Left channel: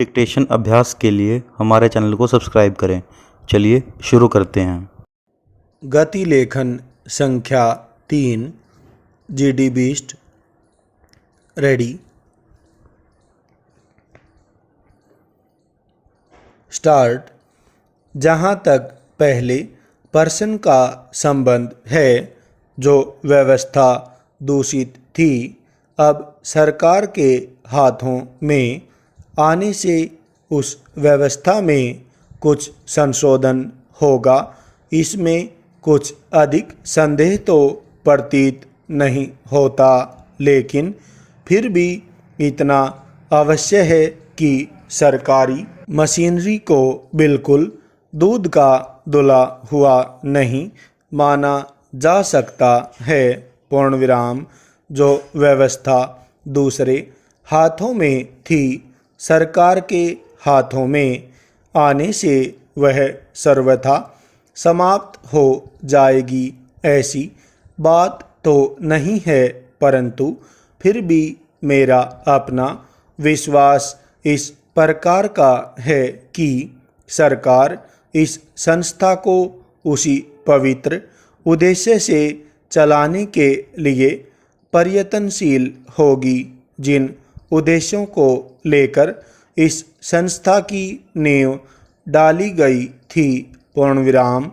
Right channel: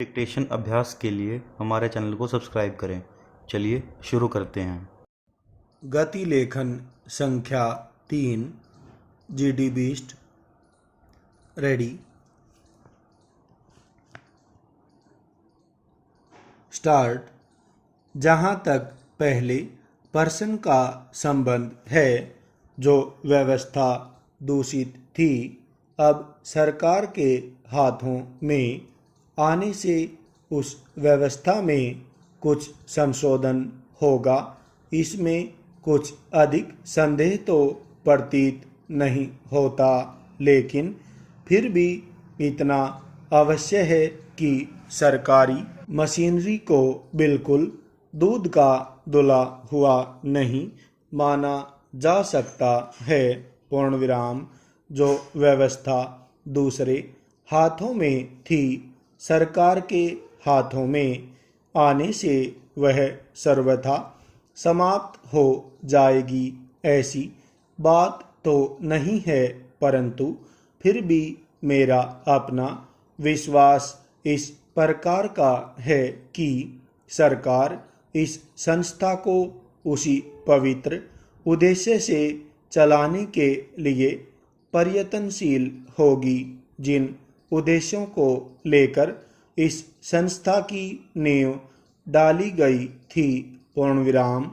Dictation अभ्यास के लिए हमारे चैनल को सब्सक्राइब करें। चलिए शुरू करते हैं। गति लेखन संख्या 3 GD बीस्ट रेडी स्टार्ट। जहाँ तक पहले पर्सन का संबंध है जो व्यवस्था दूषित थी, अब सरकार के हाथों में आने से उस व्यवस्था में कुछ संशोधन होगा। इसमें कुछ अधिक संदेह तो प्रतीत नहीं होता, लेकिन फिर भी इतना अवश्य है कि सरकारी मशीनरी को बिल्कुल दूध का धुला हुआ नहीं माना जा सकता है। पूर्ण विराम। जो व्यवस्था दूसरे हाथों में थी, सरकार के हाथों में आने से वह सर्वथा समाप्त हो जाएगी, ऐसी बात तो नहीं है, परंतु फिर भी मेरा अपना विश्वास इस प्रकार का है कि सरकार इस संस्था को उसी पवित्र उद्देश्य से चलाने के लिए प्रयत्नशील होगी जिन उद्देश्यों को लेकर इस संस्था की नींव डाली गई थी। पूर्ण विराम।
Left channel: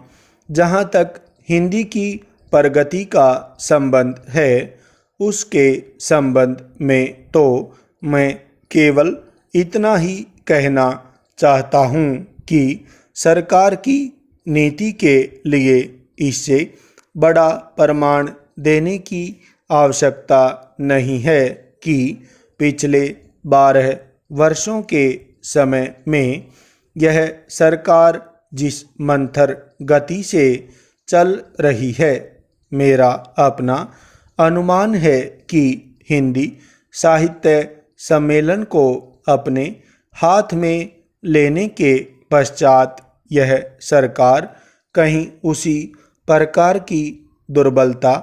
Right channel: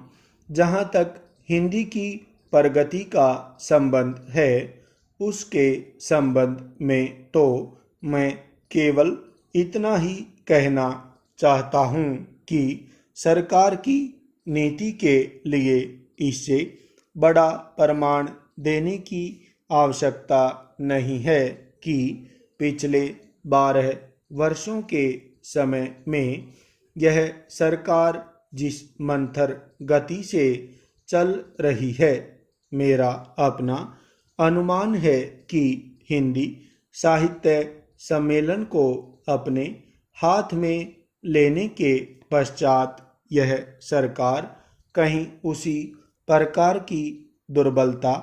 जहाँ तक हिंदी की प्रगति का संबंध है, उसके संबंध में तो मैं केवल इतना ही कहना चाहता हूँ कि सरकार की नीति के लिए इससे बड़ा प्रमाण देने की आवश्यकता नहीं है कि पिछले 12 वर्षों के समय में यह सरकार जिस मंथर गति से चल रही है, मेरा अपना अनुमान है कि हिंदी साहित्य सम्मेलन को अपने हाथ में लेने के पश्चात यह सरकार कहीं उसी प्रकार की दुर्बलता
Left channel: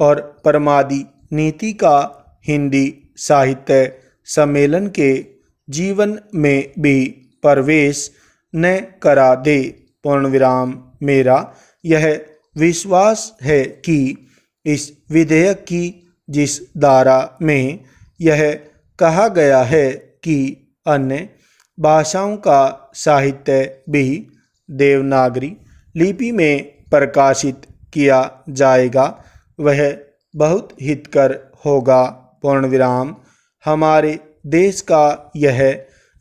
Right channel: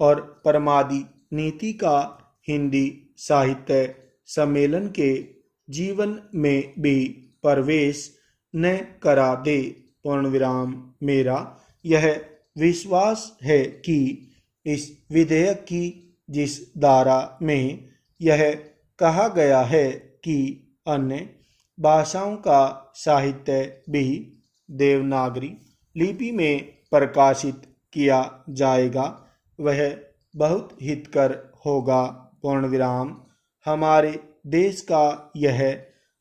और प्रमादी नीति का हिंदी साहित्य सम्मेलन के जीवन में भी प्रवेश न करा दे। पूर्ण विराम। मेरा यह विश्वास है कि इस विधेयक की जिस धारा में यह कहा गया है कि अन्य भाषाओं का साहित्य भी देवनागरी लिपि में प्रकाशित किया जाएगा, वह बहुत हितकर होगा। पूर्ण विराम। हमारे देश का यह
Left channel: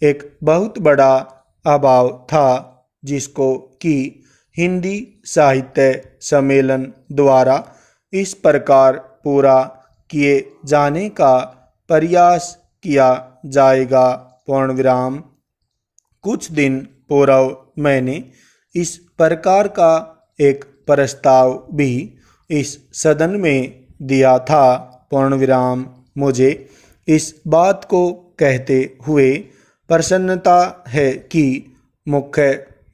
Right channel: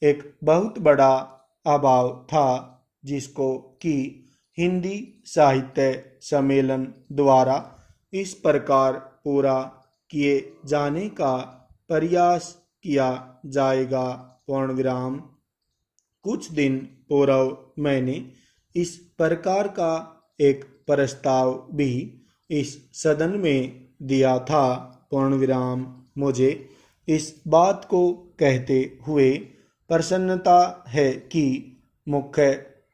एक बहुत बड़ा अभाव था जिसको कि हिंदी साहित्य सम्मेलन द्वारा इस प्रकार पूरा किए जाने का प्रयास किया जाएगा। पूर्ण विराम। कुछ दिन पूर्व मैंने इस प्रकार का एक प्रस्ताव भी इस सदन में दिया था। पूर्ण विराम। मुझे इस बात को कहते हुए प्रसन्नता है कि मुख्य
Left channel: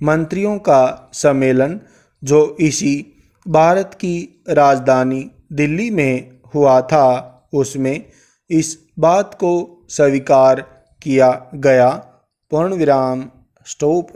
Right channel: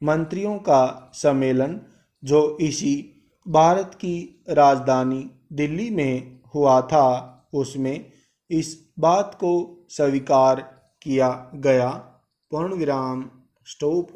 मंत्रियों का सम्मेलन जो इसी भारत की राजधानी दिल्ली में हुआ था, उसमें इस बात को स्वीकार किया गया। पूर्ण विराम। स्टॉप।